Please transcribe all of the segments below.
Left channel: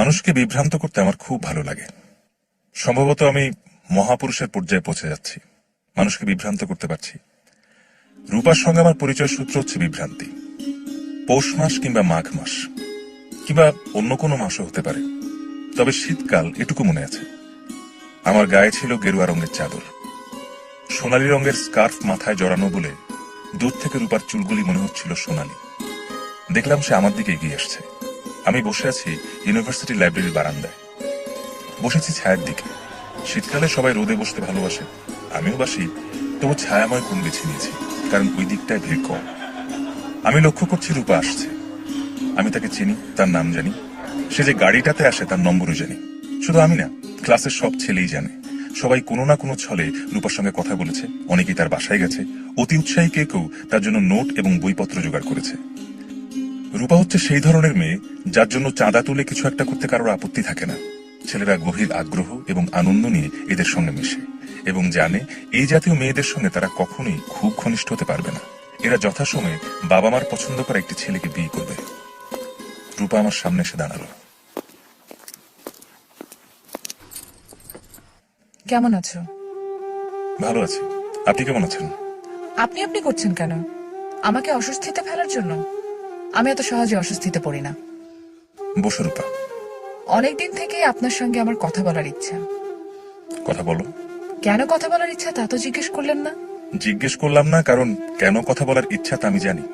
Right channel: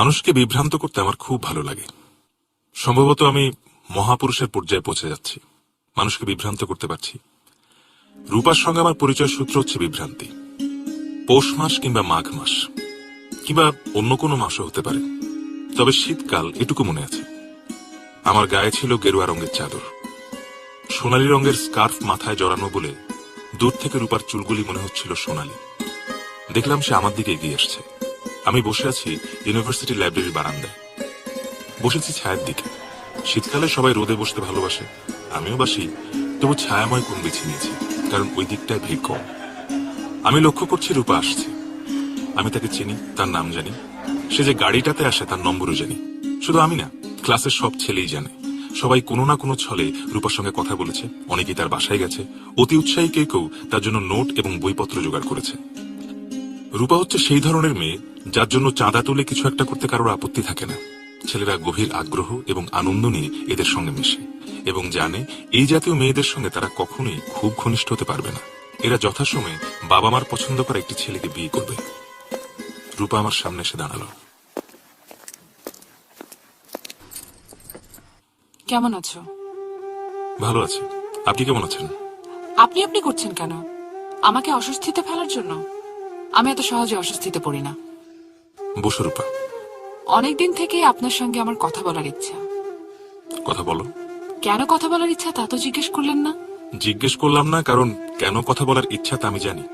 মানুষকে বিভ্রান্ত করতে আমার খুব ভালো লাগে। সম্ভবত আমি মহাপুরুষের পর্যায়ে পৌঁছে যাচ্ছি, মানুষকে বিভ্রান্ত করতে পারছি। রূপার সঙ্গে আমার পরিচয় সূত্র হচ্ছে বিভ্রান্তি। পৌষ মাস কিংবা মাঘ মাস কিংবা অন্য কোনো মাসও হতে পারে, তবে শীতকাল এটুকু মনে আছে, আমার গায়ে ছিল গেরুয়া রঙের চাদর, সোনালী রঙের স্কার্ফ মাথায় জড়ানো বলে দূর থেকে রূপার চুলগুলি মনে হচ্ছিল সোনালী। দেখলাম সে আমার দিকে এগিয়ে আসছে। আমি বসে আছি ইউনিভার্সিটি লাইব্রেরির বারান্দায়, বসেছি ছায়ার দিকে। শীতকালে সবাই রোদে বসতে ভালোবাসে, আমিও বাসি, তবু ছায়াময় কোণ বেছে নিয়েছি, কারণ ওই দিকটায় ভিড় কম। আমি লক্ষ্য করছি রূপা আসছে। আমি তাকে চিনি, তার নাম জানি, সে যে গাড়িটাতে আসে তার নম্বরও জানি। শুধু আমি না, ক্লাসের সব ছেলেই জানে। সবাই কোনো না কোনো ছলে রূপার সঙ্গে কথা বলেছে, অনেকেই তার বাসায় গেছে, অতি উৎসাহী কেউ তার জন্য নোট এবং বইপত্র জোগাড় করেছে। রূপা হচ্ছে সেই ধরনের মেয়ে যার জন্য চাঁদা তুলে কিছু একটা করতে কারোর আপত্তি থাকে না। ছেলেরা গভীর আগ্রহ এবং আনন্দ নিয়ে এদের সঙ্গে মেশে এবং জানে এই জাতীয় মেয়েদের সঙ্গে তারা কখনোই খুব ঘনিষ্ঠ হতে পারবে না। এরা যথাসময়ে বাবা মার পছন্দ করা একটি ছেলেকে বিয়ে করবে। রূপা আমার সামনে এসে দাঁড়ালো। কেমন আছো? ভালো আছি, আপনি কেমন আছেন? আপনি আপনি করছেন কেন? আমাকে অস্বস্তিতে ফেলার জন্য? আমি এত সহজে অস্বস্তিতে পড়ি না। বসো রূপা। অনেকদিন থেকে আপনার সঙ্গে আমার কথা বলার ইচ্ছা। কথা বলো। কেন কথা বলার ইচ্ছা তা তো জিজ্ঞেস করলেন না। জিজ্ঞেস করলাম না, কারণ কেন কথা বলার ইচ্ছা তা আমি জানি।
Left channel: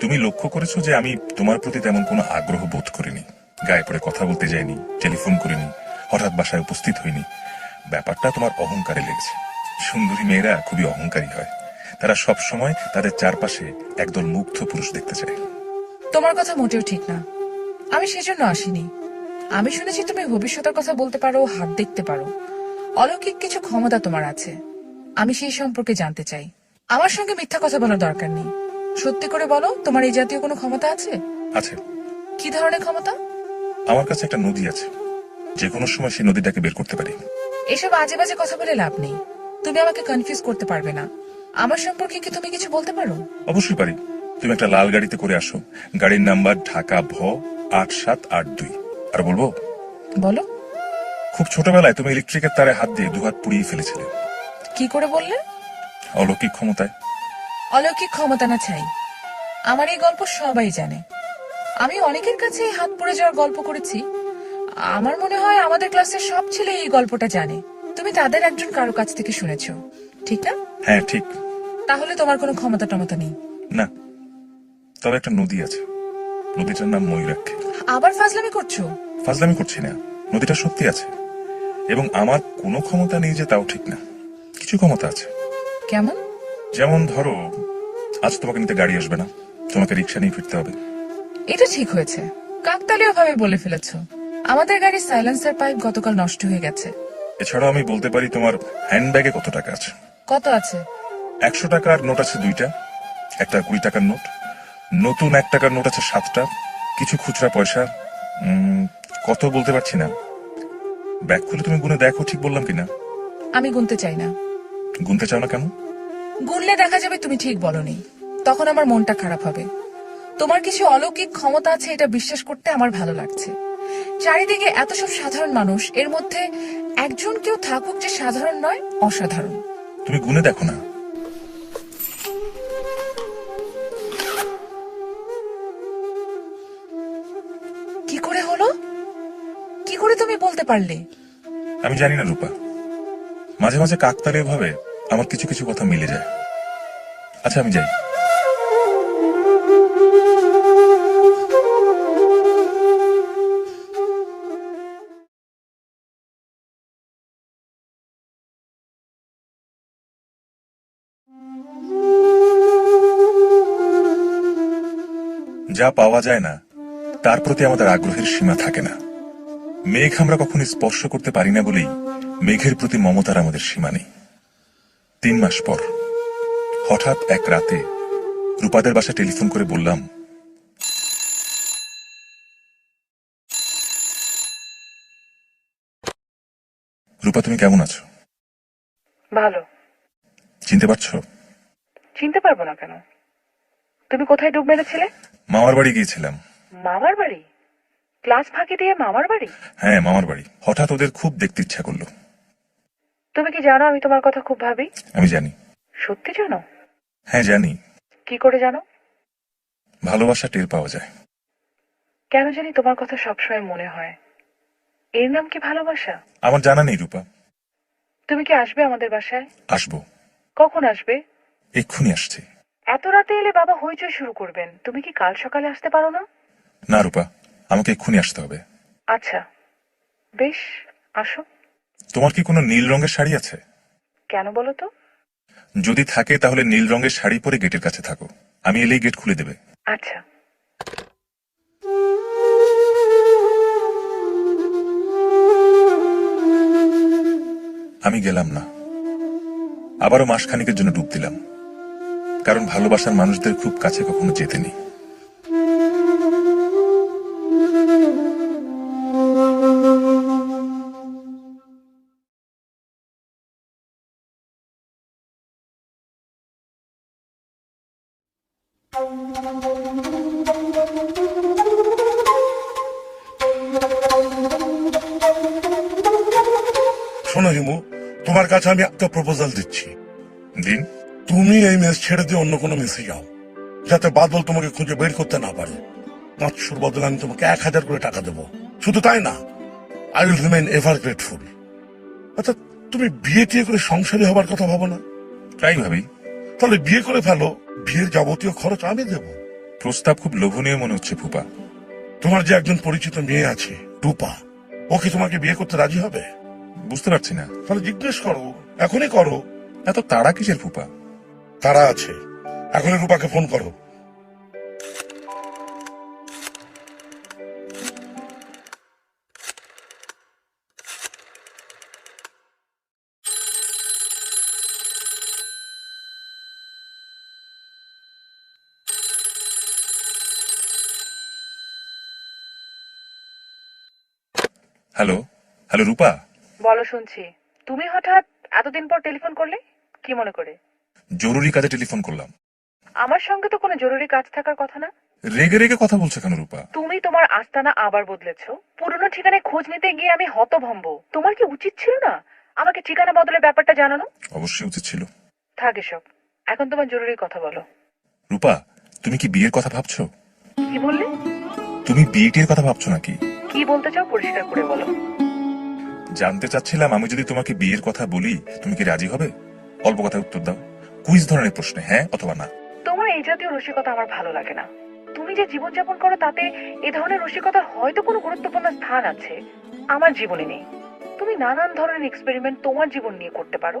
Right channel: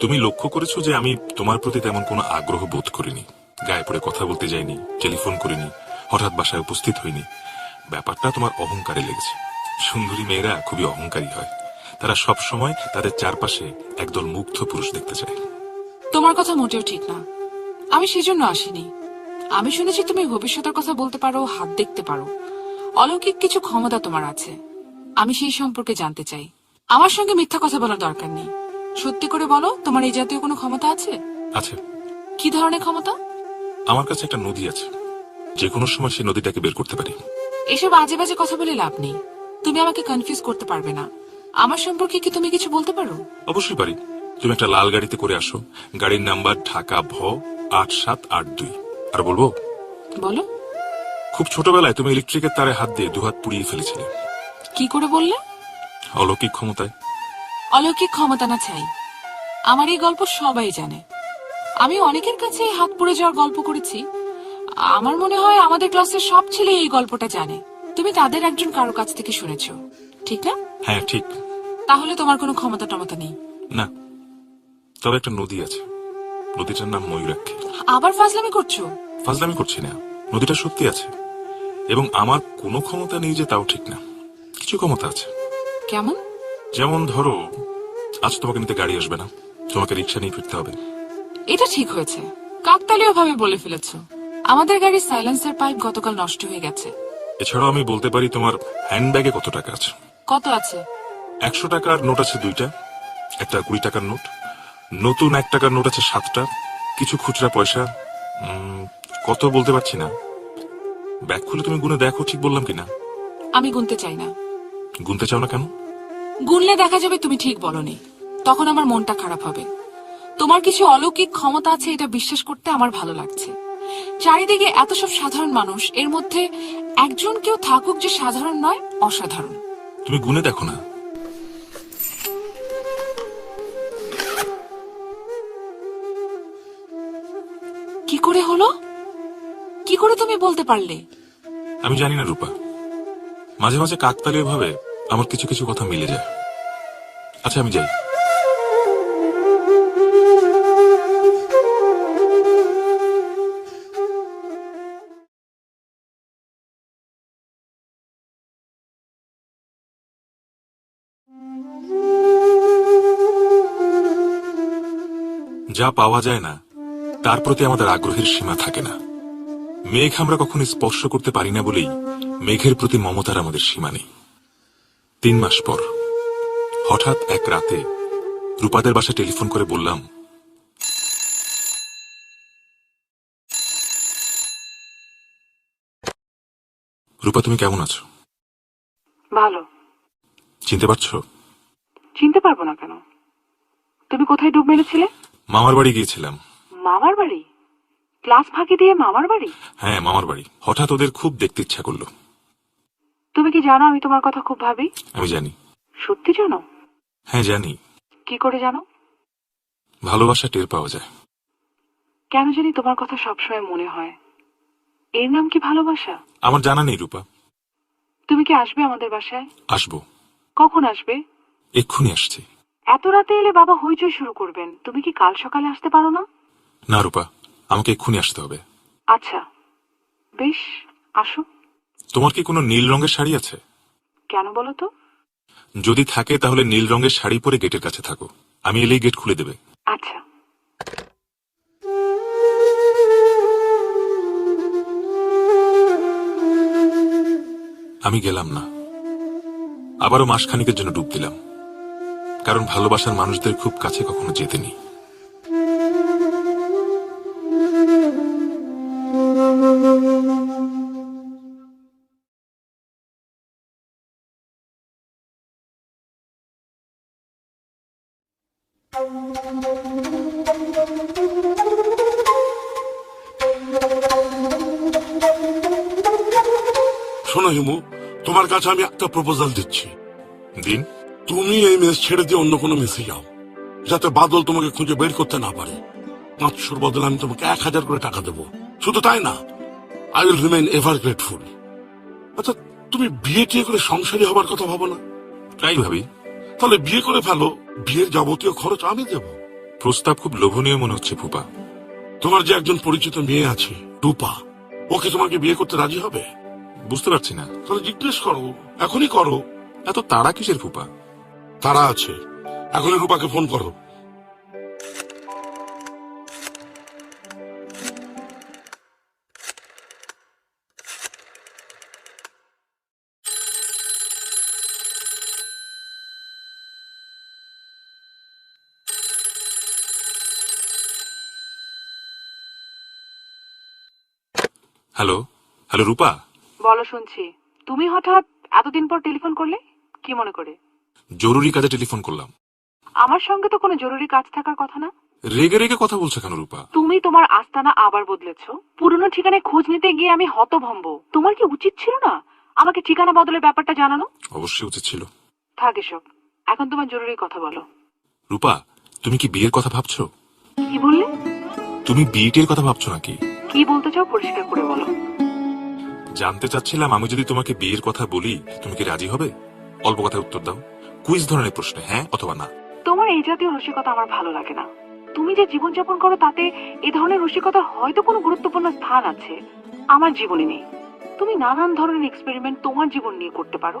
তুমি লক্ষ্য করেছো যে আমি তোমার প্রতি তেমন কোনো আগ্রহ বোধ করিনি, গায়ে পড়ে কথা বলতে যাইনি, টেলিফোন করিনি, হঠাৎ বাসায় উপস্থিত হইনি। ব্যাপারটা তোমার অহংকারে লেগেছে। সুন্দরী মেয়েরা খুবই অহংকারী হয়, তারা সব সময় তাদের চারপাশে একদল মুগ্ধ পুরুষ দেখতে চায়। তোমার কথা মোটেও ঠিক না, আমি সেজন্য আসিনি। আমি শুনেছি তুমি ভবিষ্যতের কথা বলতে পারো, হাত দেখতে পারো, অলৌকিক কিছু ক্ষমতা তোমার আছে। আমি সেই সম্পর্কে জানতে চাই। আমার সঙ্গে মিথ্যা কথা বলার দরকার নেই, সত্যি করে বলো তোমার এই জাতীয় কোনো ক্ষমতা আছে? আছে। কি ধরনের ক্ষমতা? আমার কাছে একটা নদী আছে, যে কোনো সময় সেই নদীটাকে বের করতে পারি। এসব আজে বাজে কথা বলে লাভ নেই, তুমি আমাকে কনফিউজ করতে পারবে না। আমার সম্পর্কে কি তুমি কিছু বলতে পারো? অবশ্যই পারি। তুমি একটা লাল গাড়িতে করে আসো, গাড়ির নাম্বার ঢাকা ভ 8782। আর বলবো? বলো। খুব ছোটবেলায় তুমি ইলেকট্রিকের তারে হাত দিয়ে দুহাত পুড়িয়ে ফেলেছিলে। কি করে বললে? অলৌকিক ক্ষমতায়। অলৌকিক ক্ষমতা না চাই, আমার এই গল্প সবাই জানে। আমি অনেকের কাছে এই হাত পুড়ে যাওয়ার গল্প করেছি। আমার মনে হয় আমাদের ক্লাসের সব ছেলে এই গল্পটা জানে। তুমি তাদের একজন কারো কাছ থেকে শুনেছো, ঠিক না? হ্যাঁ ঠিক। তাহলে তোমার কোনো ক্ষমতা টমতা নেই। না, তবে একটা নদী আছে, নদীটার নাম ময়ূরাক্ষী। আবার ফাজলামি করছো? ফাজলামি করছি না, নদীটা সত্যি আছে। এবং আমার কোনো ক্ষমতা নেই যে তাও ঠিক না, কিছু ক্ষমতা আছে। কেমন? যেমন ধরো, আজ তোমাকে নিতে গাড়ি আসবে না, তোমাকে রিক্সা নিয়ে ফিরতে হবে। এটা ঠিক হয়েছে, কাকতালীয় ভাবে বলে ফেলেছো। আমাদের গাড়ির সাইলেন্সার পাইপ গতকাল নষ্ট হয়ে গেছে। এছাড়াও আমি বলতে পারি তোমার হ্যান্ডব্যাগে কত টাকা আছে। কত আছে? 100 টাকার নোট আছে 2টা, একটা 20 টাকার নোট, নতুন 1 টাকার নোট আছে 7টা, কিছু খুচরা পয়সা। কত বলতে পারছি না। ব্যাগ খুলে তুমি গুনে দেখো ঠিক বললাম কিনা। আমি গুনতে চাই না। গুনতে চাও না কেন? গুনলে দেখা যাবে তুমি ঠিক বলনি, তখন আমার মনটা খারাপ হবে। তোমার কিছু অলৌকিক ক্ষমতা আছে এটা বিশ্বাস করতে আমার ভালো লাগছে। চারিদিকে এত সব সাধারণ মানুষ, এর মধ্যে একজন কেউ থাকুক যে সাধারণ নয়, অসাধারণ। তুমি গুনে দেখো না। কি করে হলো? কি করে তুমি বলতে পারলে? আমি জানি না রূপা, মাঝে মাঝে কাকতালীয় ভাবে আমার কিছু কিছু কথা মিলে যায়। আচ্ছা আমি যাই। যা পাওয়া যায় না তার প্রতি আমাদের আগ্রহের সীমা থাকে না। মেঘ আমরা কখনো স্পর্শ করতে পারি না বলেই মেঘের প্রতি মমতার আমাদের সীমা নেই। 3 মাস পর হঠাৎ এক রাতে রূপাদের বাসায় টেলিফোন করে বললাম, রূপা তুমি কেমন আছো? ভালো। চিনতে পারছো? চিনতে পারবো না কেন? তুমি কোথায় ডুব মেরেছিলে? মামার বাড়ি গিয়েছিলাম। মামার বাড়ি? ক্লাস ফাঁকি দিয়ে মামার বাড়ি? হ্যাঁ, মামার বাড়ি। হঠাৎ ওদের খুব দেখতে ইচ্ছা করলো। তুমি কি জানো আমি তোমার কথা খুব ভাবি? আমি জানি। সত্যি জানো? হ্যাঁ, জানি। কি করে জানো? ভালোবাসা টের পাওয়া যায়। কেন জানি তোমার কথা সবসময় মনে হয়। এর নাম কি ভালোবাসা? আমার জানা নেই রূপা। তুমি কি আসবে আমাদের বাসায়? আসবো। কখন আসবে? এক্ষুনি আসছি। এত রাতে এলে বাবা হইচই শুরু করবেন। তুমি কি কাল সকালে আসতে পারো না? না রূপা, আমাকে এক্ষুনি আসতে হবে। আচ্ছা, বেশ, আসো। তোমার কি কোনো নীল রঙের শাড়ি আছে? কেন বলো তো? যদি থাকে তাহলে নীল রঙের শাড়ি পরে গেটের কাছে থাকো। আমি এলেই গেট খুলে দেবে। আচ্ছা। আমি গেলাম না। আবারও মাসখানিকের জন্য ডুব দিলাম, কারণ ভালোবাসার মানুষদের খুব কাছে কখনো যেতে নেই। শোনো হিমু, তোমার কাছে আমি একটা প্রপোজাল দিচ্ছি। দিন। তুমি এই মেস ছেড়ে দিয়ে অন্য কোনো মেসে যাও, যাতে বাদল তোমাকে খুঁজে বের করতে না পারে। 500 বদলে আমি তোমাকে 1000 করে টাকা দেবো। শুধু তাই না, I will remain ever grateful. আচ্ছা, তুমি বিয়ে টিয়ে করে সংসারী হবার কথা ভাবো না? তাই ভাবি। তাহলে বিয়ে করে ফেলো, বিয়ের যাবতীয় খরচ আমি দেব। প্রস্তাব খুব লোভনীয় মনে হচ্ছে ফুপা। তোমার যে একজন পরিচিত মেয়ে আছে, রূপা, ও কি তোমাকে বিয়ে করতে রাজি হবে? বুঝতে পারছি না। তাহলে জিজ্ঞেস করো, এখনই করো। এত তাড়া কিসের ফুপা? তারা আছে, এখনই রূপাকে ফোন করো। হ্যালো, হ্যালো রূপা। বলো, শুনছি। তুমি হঠাৎ এতদিন পর টেলিফোন করলে, কি মনে করে? জরুরি কাজে টেলিফোন করলাম। আমার সঙ্গে তো কোনো জরুরি কাজ থাকার কথা না। রেগে রেগে কথা বলছো কেন রূপা? তুমি তোমার আস্তানা আবার বদলেছো। পুরনো ঠিকানায় খোঁজ নিতে গিয়ে আমি হতভম্ব। তোমার কি উচিত ছিল না আমাকে ঠিকানা বদলের ব্যাপারটা জানানো? অবশ্যই উচিত ছিল। থাক এসব, এখন তোমার জরুরি কথা বলো। রূপা, তুমি কি বিয়ের কথা ভাবছো? কি বললে? তুমি বিয়েটির কথা ভাবছো নাকি? কি বলতে চাও পরিষ্কার করে বলো। জানতে চাচ্ছিলাম, আমি যদি তোমাকে বিয়ের কথা বলি তুমি কি রাজি হবে? অল্প কথায় উত্তর দাও। কুইজ ধরনের প্রশ্নে হ্যাঁ অথবা না। তোমার এই জাতীয় রসিকতা আমার ভালো লাগে না। তুমি যে জীবনযাপন করো তাতে এই ধরনের রসিকতার হয়তো কোনো গুরুত্বপূর্ণ স্থান আছে, আমার জীবনে নেই। তুমি নানান ধরনের এক্সপেরিমেন্ট তোমার জীবন নিয়ে করতে পারো,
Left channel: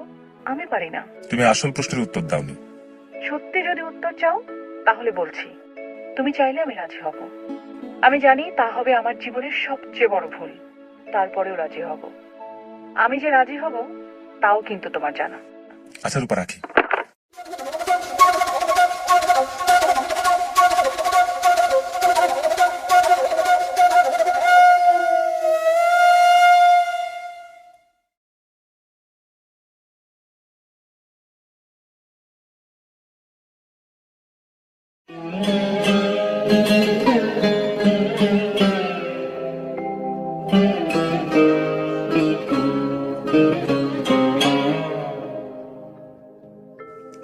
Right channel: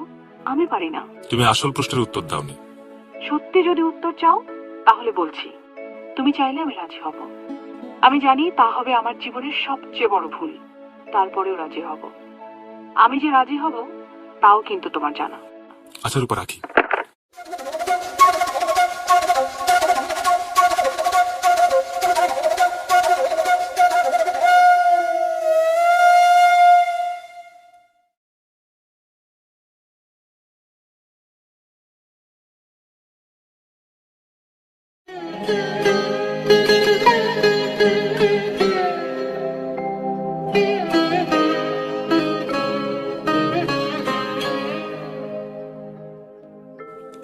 আমি পারি না। তুমি আসল প্রশ্নের উত্তর দাওনি। সত্যি যদি উত্তর চাও তাহলে বলছি, তুমি চাইলে আমি রাজি হব। আমি জানি তা হবে আমার জীবনের সবচেয়ে বড় ভুল, তারপরেও রাজি হব। আমি যে রাজি হব তাও কিন্তু তোমার জানা। আচ্ছা রূপা, রাখি।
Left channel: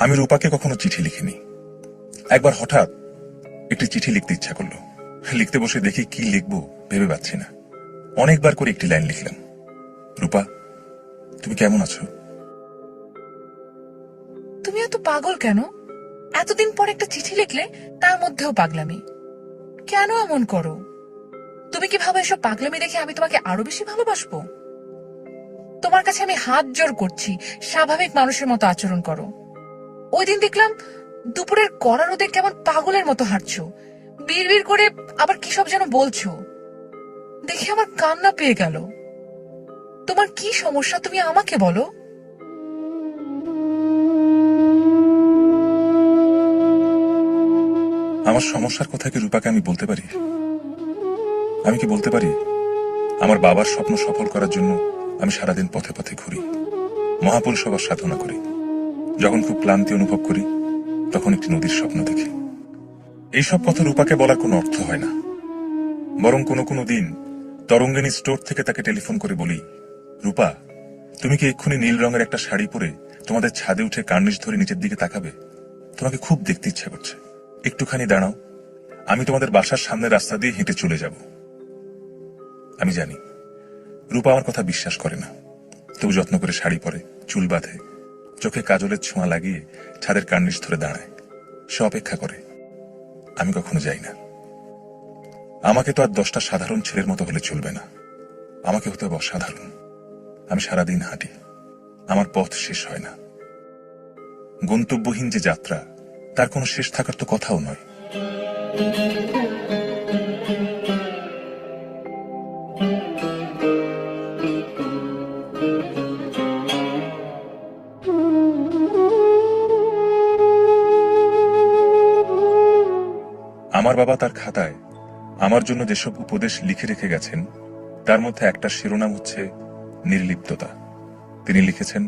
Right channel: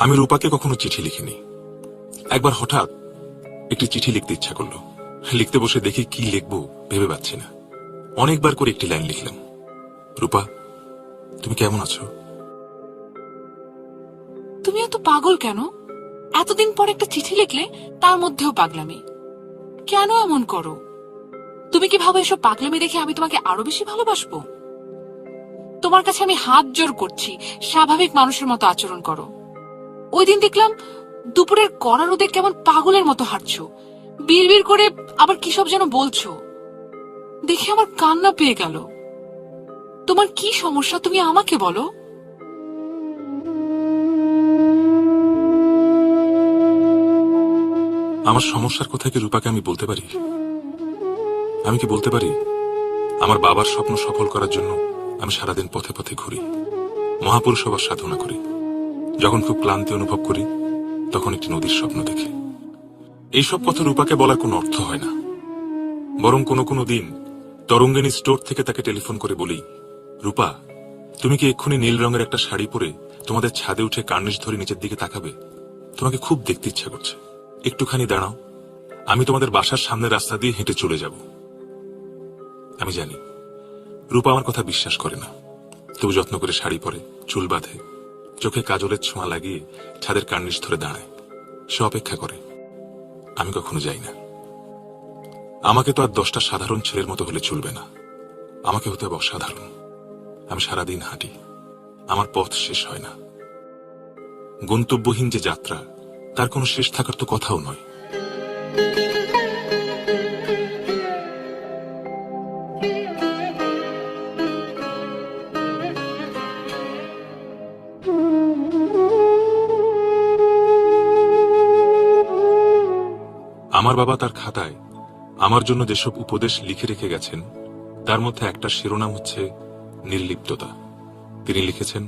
আমি রূপাকে কখনো চিঠি লিখিনি। একবার হঠাৎ একটি চিঠি লিখতে ইচ্ছা করলো। লিখতে বসে দেখি কি লিখবো ভেবে পাচ্ছি না। অনেকবার করে একটি লাইন লিখলাম, রূপা তুমি কেমন আছো? তুমি এত পাগল কেন? এতদিন পর একটা চিঠি লিখলে, তার মধ্যেও পাগলামি। কেন এমন করো? তুমি কি ভাবো এসব পাগলামি দেখে আমি তোমাকে আরো বেশি ভালোবাসবো? তোমার কাছে আমি হাত জোর করছি, স্বাভাবিক মানুষের মতো আচরণ করো। ওই দিন দেখলাম দুপুরের কড়া রোদে কেমন পাগলের মতো হাঁটছো, বিড়বিড় করে আবার কি সব যেন বলছো। দেখে আমার কান্না পেয়ে গেল। তোমার কি সমস্যা তুমি আমাকে বলো। আমার সমস্যার কথা কি রূপাকে আমি বলতে পারি? আমি কি বলতে পারি আমার বাবার স্বপ্ন সফল করার জন্য আমি সারাদিন পথে পথে ঘুরি, মহাপুরুষ হবার সাধনা করি। যখন খুব ক্লান্তি অনুভব করি তখন একটি নদীর স্বপ্ন দেখি। এইসব কথা রূপাকে বলার কোনো অর্থ হয় না। বরং কোনো কোনো দিন তরঙ্গিনী স্টোর থেকে তাকে টেলিফোন করে বলি, রূপা, তুমি কি এক্ষুনি নীল রঙের একটা শাড়ি পরে তোমাদের ছাদে উঠে কার্নিশ ধরে নিচের দিকে তাকাবে? তোমাকে খুব দেখতে ইচ্ছে করছে, একটুখানি দাঁড়াও, আমি তোমাদের বাসার সামনের রাস্তা দিয়ে হেঁটে চলে যাব। আমি জানি রূপা আমার কথা বিশ্বাস করে না, তবু যত্ন করে শাড়ি পরে, চুল বাঁধে, চোখে কাজলের ছোঁয়া লাগিয়ে ছাদের কার্নিশ ধরে দাঁড়ায়। সে অপেক্ষা করে, আমি কখনো যাই না। আমাকে তো আর 10টা সাধারণ ছেলের মতো হলে চলবে না, আমাকে হতে হবে অসাধারণ। আমি সারাদিন হাঁটি, আমার পথ শেষ হয় না। গন্তব্যহীন যে যাত্রা, তার কোনো শেষ থাকার তো কথাও নয়। আমার বাবা তার খাতায় আমার জন্য যেসব উপদেশ লিখে রেখে গেছেন, তার মধ্যে একটা শিরোনাম হচ্ছে নির্লিপ্ততা। তিনি লিখেছেন,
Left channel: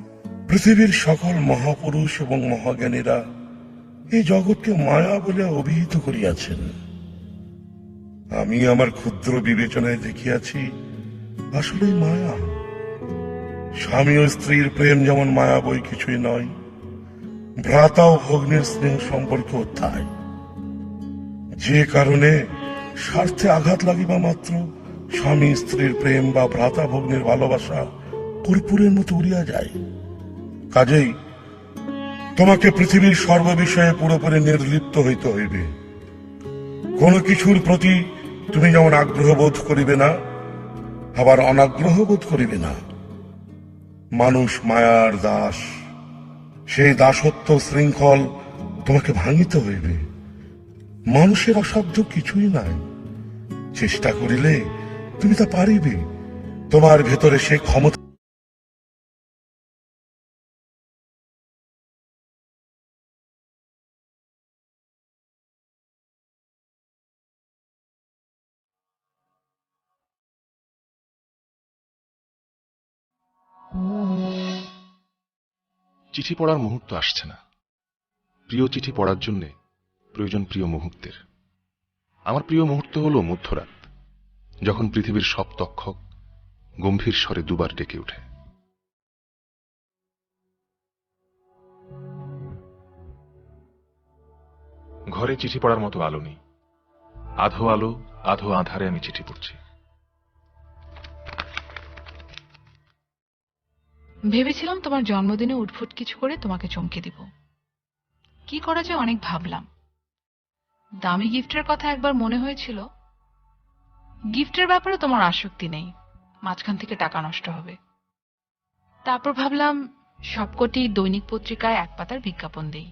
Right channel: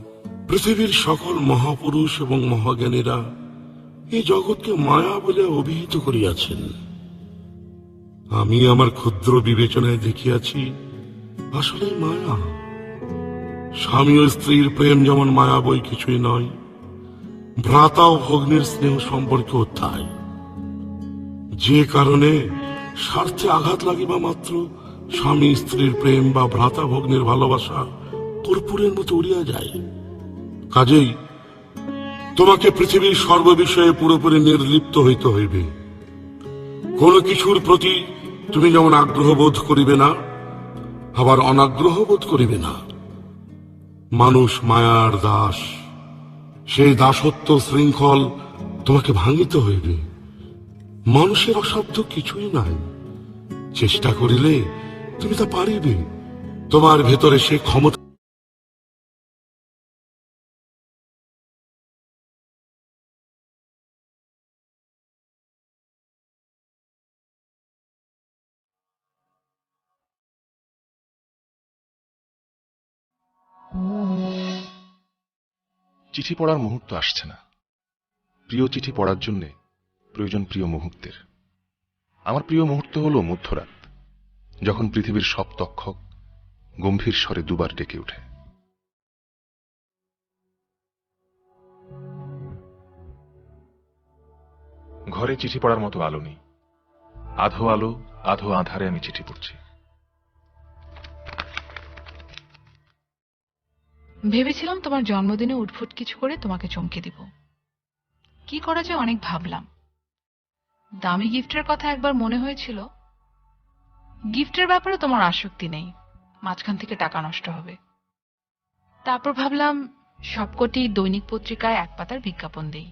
পৃথিবীর সকল মহাপুরুষ এবং মহাজ্ঞানীরা এই জগৎকে মায়া বলে অভিহিত করিয়াছেন। আমি আমার ক্ষুদ্র বিবেচনায় দেখিয়াছি আসলে মায়া। স্বামী ও স্ত্রীর প্রেম যেমন মায়া বই কিছুই নয়, ভ্রাতা ও ভগ্নের স্নেহ সম্পর্কেও তাই। যে কারণে স্বার্থে আঘাত লাগিবা মাত্র স্বামী স্ত্রীর প্রেম বা ভ্রাতা ভগ্নের ভালোবাসা কর্পূরের মতো উড়িয়া যায়। কাজেই তোমাকে পৃথিবীর সর্ববিষয়ে পুরোপুরি নির্লিপ্ত হইতে হইবে। কোনো কিছুর প্রতি তুমি যেমন আগ্রহ বোধ করিবে না, আবার অনাগ্রহ বোধ করিবে না। মানুষ মায়ার দাস, সেই দাসত্ব শৃঙ্খল তোমাকে ভাঙিতে হইবে। মানুষের অসাধ্য কিছুই নাই, চেষ্টা করিলে তুমি তা পারিবে। তোমার ভেতরে সে ক্ষমতা। চিঠি পড়ার মুহূর্ত আসছে না। প্রিয় চিঠি পড়ার জন্য প্রয়োজন প্রিয় মুহূর্তের। আমার প্রিয় মুহূর্ত হল মধ্যরাত, যখন পৃথিবীর সব তক্ষক গম্ভীর স্বরে দুবার ডেকে ওঠে। ঘরে চিঠি পড়ার মতো আলো নেই। আধো আলো আধো আধারে আমি চিঠি পড়ছি। ভেবেছিলাম তোমার জন্মদিনে উঠফুট কিছু করে তোমাকে চমকে দিব। কি করা যায় অনেক ভাবলাম। দামি গিফটের কথা একবার মনে হয়েছিল। গিফটের ব্যাপারে তোমার আসক্তি নেই, মাঝখান থেকে টাকা নষ্ট হবে। তারপর ভাবলাম সবকটি দৈনিক পত্রিকায় এক পাতার বিজ্ঞাপন দেই।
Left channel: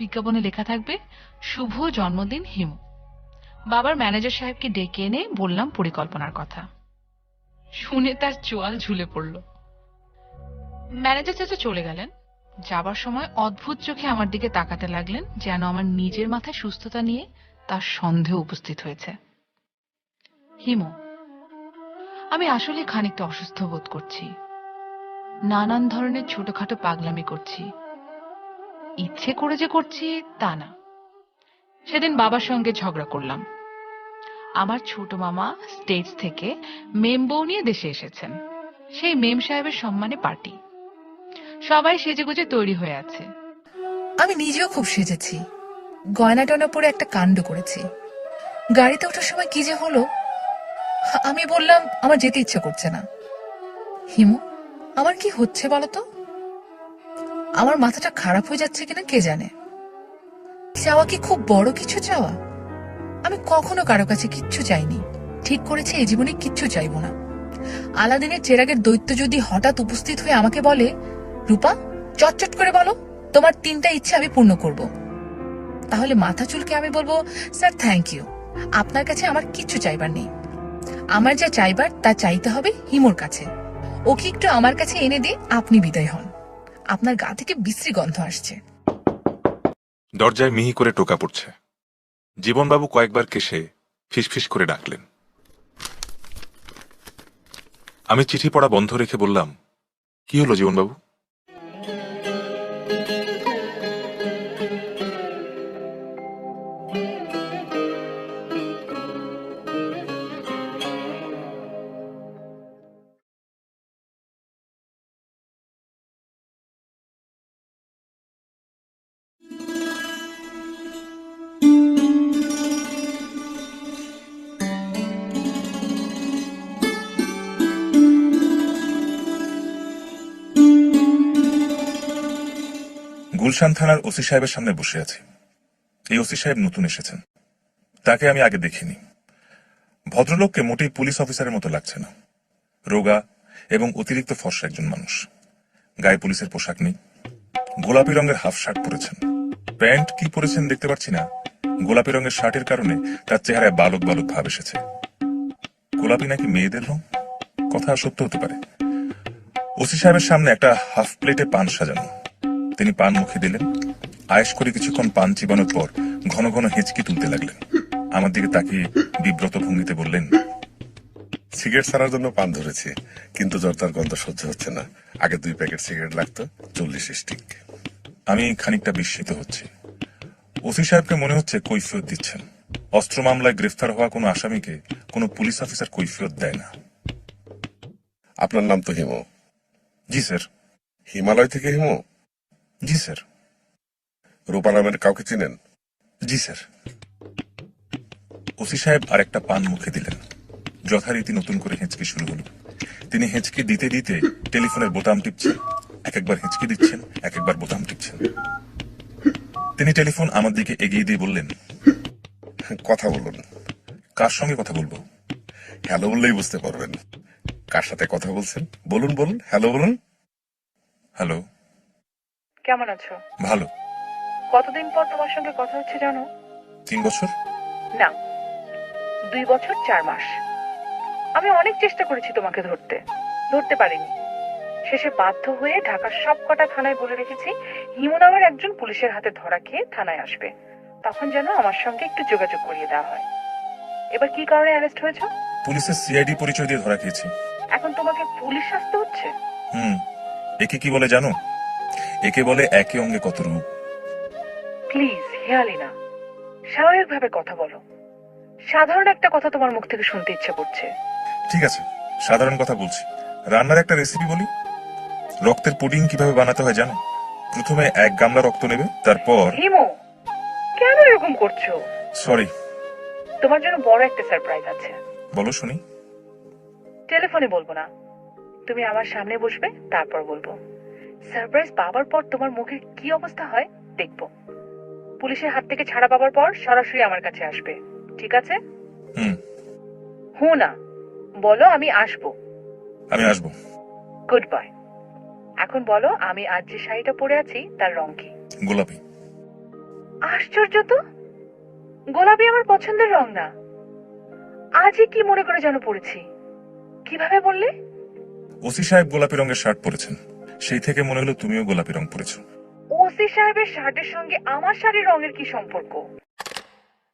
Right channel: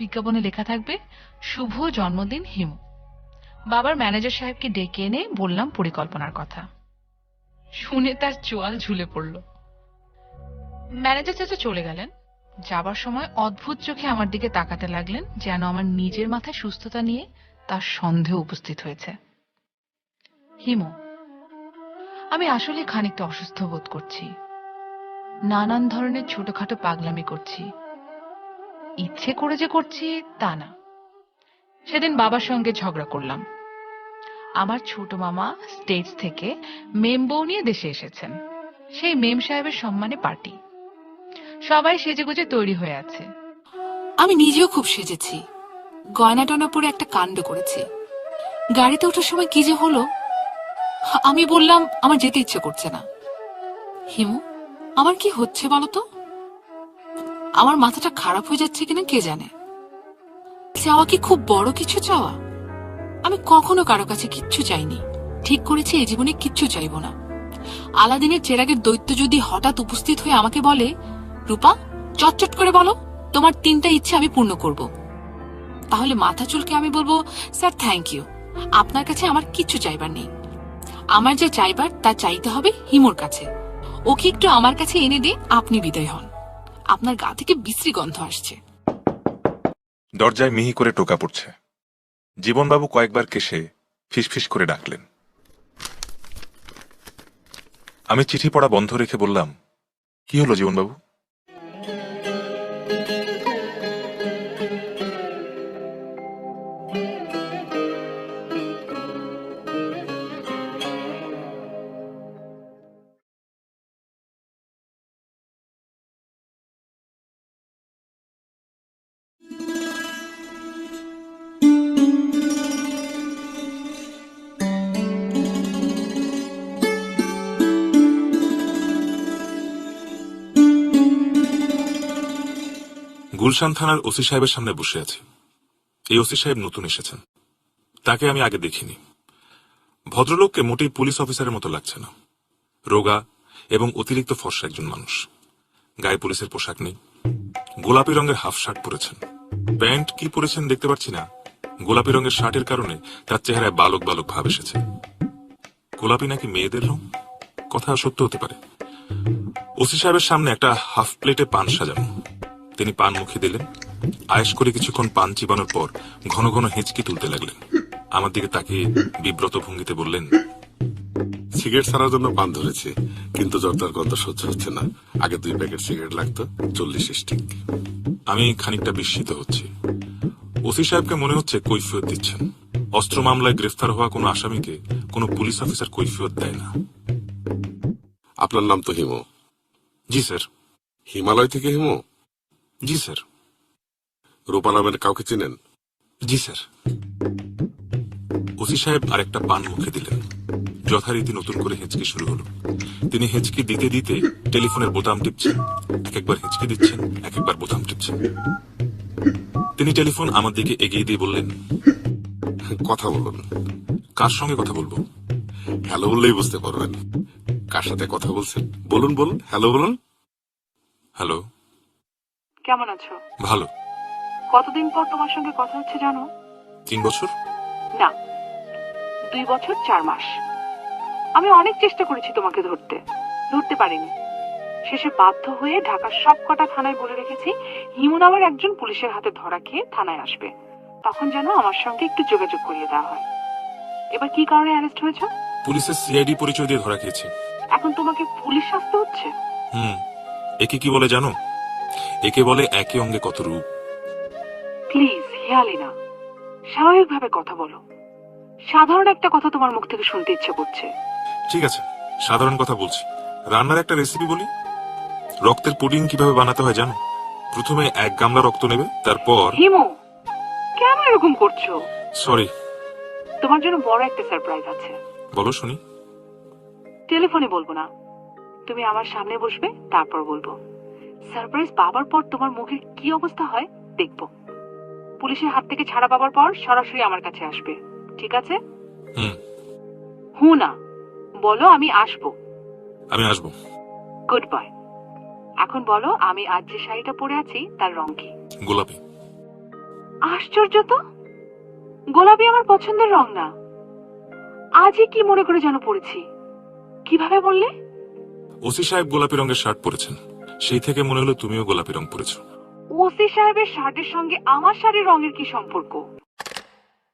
বিজ্ঞাপনে লেখা থাকবে, শুভ জন্মদিন হিমু। বাবার ম্যানেজার সাহেবকে ডেকে এনে বললাম পরিকল্পনার কথা। শুনে তার চোয়াল ঝুলে পড়ল। ম্যানেজার চাচা চলে গেলেন। যাবার সময় অদ্ভুত চোখে আমার দিকে তাকাতে লাগলেন, যেন আমার নিজের মাথায় সুস্থতা নিয়ে তার সন্দেহ উপস্থিত হয়েছে। হিমু, আমি আসলে খানিকটা অসুস্থ বোধ করছি। নানান ধরনের ছোটখাটো পাগলামি করছি। ইচ্ছে করে যে করছি তা না। সেদিন বাবার সঙ্গে ঝগড়া করলাম। আমার ছোট মামা স্টেটস থেকে মেম বউ নিয়ে দেশে এসেছেন। সেই মেম সাহেবের সম্মানে পার্টি। সবাই সেজেগুজে তৈরি হয়ে আছে। আমি নিজেও খুব সেজেছি, গয়না টয়না পরে একটা কাণ্ড করেছি। গাড়িতে ওঠার সময় কি যে হলো, আমি বললাম আমার যেতে ইচ্ছে করছে না। হিমু, আমার কি হচ্ছে বলতো? আমার মাথাটা খারাপ হয়ে যাচ্ছে কিনা কে জানে। চাওয়া কি খুব বড় কিছু চাওয়া? আমি কখনো কারো কাছে কিচ্ছু চাইনি। ঠিক করেছি এই জীবনে কিচ্ছু চাইবো না। আলাদিনের চেরাগের দৈত্য যদি হঠাৎ উপস্থিত হয়ে আমাকে বলে, রূপা চটচট করে বলো তোমার 3টা ইচ্ছে আমি পূর্ণ করব, তাহলে মাথা চুলকে আমি বলবো, স্যার থ্যাংক ইউ, আপনার কাছে আমার কিচ্ছু চাইবার নেই। আমার যা চাইবার তা চাইতে হবে হিমুর কাছে। ওকে একটু আমার কাছে এনে দিয়ে আপনি বিদায় হন। আপনার গা থেকে বিশ্রী গন্ধ আসছে। দরজায় মিহি করে টোকা পড়ছে। জীবনবাবু কয়েকবার কেশে ফিসফিস করে ডাকলেন। আমি চিঠি পড়া বন্ধ রেখে বললাম, কি হলো জীবনবাবু? গুলশান থানার ওসি সাহেবের সামনে বসে আছি। এই ওসি সাহেব নতুন এসেছেন, তাকে আমি আগে দেখিনি। ভদ্রলোককে মোটেই পুলিশ অফিসারের মতো লাগছে না। রোগা এবং অতিরিক্ত ফর্সা একজন মানুষ। গায়ে পুলিশের পোশাক নেই, গোলাপি রঙের হাফ শার্ট পরেছেন। প্যান্ট কি পরেছেন দেখতে পাচ্ছি না। গোলাপি রঙের শার্টের কারণে তার চেহারায় বালক বালক ভাব এসেছে। গোলাপি নাকি মেয়েদের রং? কথা সত্য হতে পারে। ওসি সাহেবের সামনে একটা হাফ প্লেটে পান সাজানো। তিনি পান মুখে দিলেন। আয়েশ করে কিছুক্ষণ পান চিবানোর পর ঘন ঘন হেঁচকি তুলতে লাগলেন। আমার দিকে তাকিয়ে বিব্রত ভঙ্গিতে বললেন, সিগারেট ছাড়ার জন্য পান ধরেছি, কিন্তু জর্দার গন্ধ সহ্য হচ্ছে না। আগে 2 প্যাকেট সিগারেট লাগতো, 40 স্টিক। আমি খানিকটা বিস্মিত হচ্ছি। ওসি সাহেবকে মনে হচ্ছে কৈফিয়ত দিচ্ছেন। অস্ত্র মামলায় গ্রেফতার হওয়া কোনো আসামিকে কোনো পুলিশ অফিসার কৈফিয়ত দেয় না। আপনার নাম তো হিমু। জি স্যার। হিমালয় থেকে হিমু? জি স্যার। রূপা নামের কাউকে চিনেন? জি স্যার। ওসি সাহেব আরেকটা পান মুখে দিলেন। যথারীতি নতুন করে হেঁচকি শুরু হলো। তিনি হেঁচকি দিতে দিতে টেলিফোনের বোতাম টিপছেন, এক একবার হেঁচকি দিচ্ছেন, এক একবার বোতাম টিপছেন। তিনি টেলিফোন আমার দিকে এগিয়ে দিয়ে বললেন, কথা বলুন। কার সঙ্গে কথা বলবো? হ্যালো বললেই বুঝতে পারবেন কার সাথে কথা বলছেন। বলুন বলুন, হ্যালো বলুন। হ্যালো। কেমন আছো? ভালো। কতদিন পর তোমার সঙ্গে কথা হচ্ছে জানো? 3 বছর? না, 2 বছর 4 মাস। আমি অনেক চেষ্টা করেছি তোমাকে ধরতে পারিনি। শেষে বাধ্য হয়ে ঢাকার সবকটা থানায় বলে রেখেছি হিমু নামের একজন পুলিশের হাতে ধরা খেয়ে থানায় আসবে। তখন যেন আমার সঙ্গে একটু যোগাযোগ করিয়ে দেওয়া হয়। এবার কি কারণে অ্যারেস্ট হয়েছো? পুলিশের সিআইডি পরিচয় দিয়ে ধরা খেয়েছি। এখন তোমাকে পুলিশ আসতে হচ্ছে? একে কি বলে জানো? একে বলে একে অঙ্গে কত রূপ। প্লিজ হেয়ালি না, স্বাভাবিকভাবে কথা বলো। সাধারণ একটা কথা তোমার মুখ থেকে শুনতে ইচ্ছে করছে। ঠিক আছে, সাধারণ কথা বলছি। রান্নার একটা রেসিপি বলি। রক্তের পুডিং কিভাবে বানাতে হয় জানো? প্রথমে 1 গামলা রক্ত নেবে, তারপর... হিমু, কেন এরকম করছো? সরি। তোমার জন্য বড় একটা সারপ্রাইজ আছে। বলো শুনি। টেলিফোনে বলবো না, তুমি আমার সামনে বসবে, তারপর বলবো। সারপ্রাইজ পাওয়ার পর তোমার মুখের কি অবস্থা হয় দেখবো। পুলিশের হাত থেকে ছাড়া পাওয়ার পর সরাসরি আমার কাছে আসবে, ঠিক আছে? না, বলো আমি আসবো। আমি আসবো। Good bye. এখন বলো, আমি আজ যে শাড়িটা পরে আছি তার রং কি? গোলাপি। আশ্চর্য তো, গোলাপি আমার পছন্দের রং না। আজই কি মনে করে যেন পড়েছি। কিভাবে বললে? ওসি সাহেব গোলাপি রঙের শার্ট পরেছেন, সেই থেকে মনে হলো তুমিও গোলাপি রং পরেছো। ওসি সাহেবের শার্টের সঙ্গে আমার শাড়ির রঙের কি সম্পর্ক?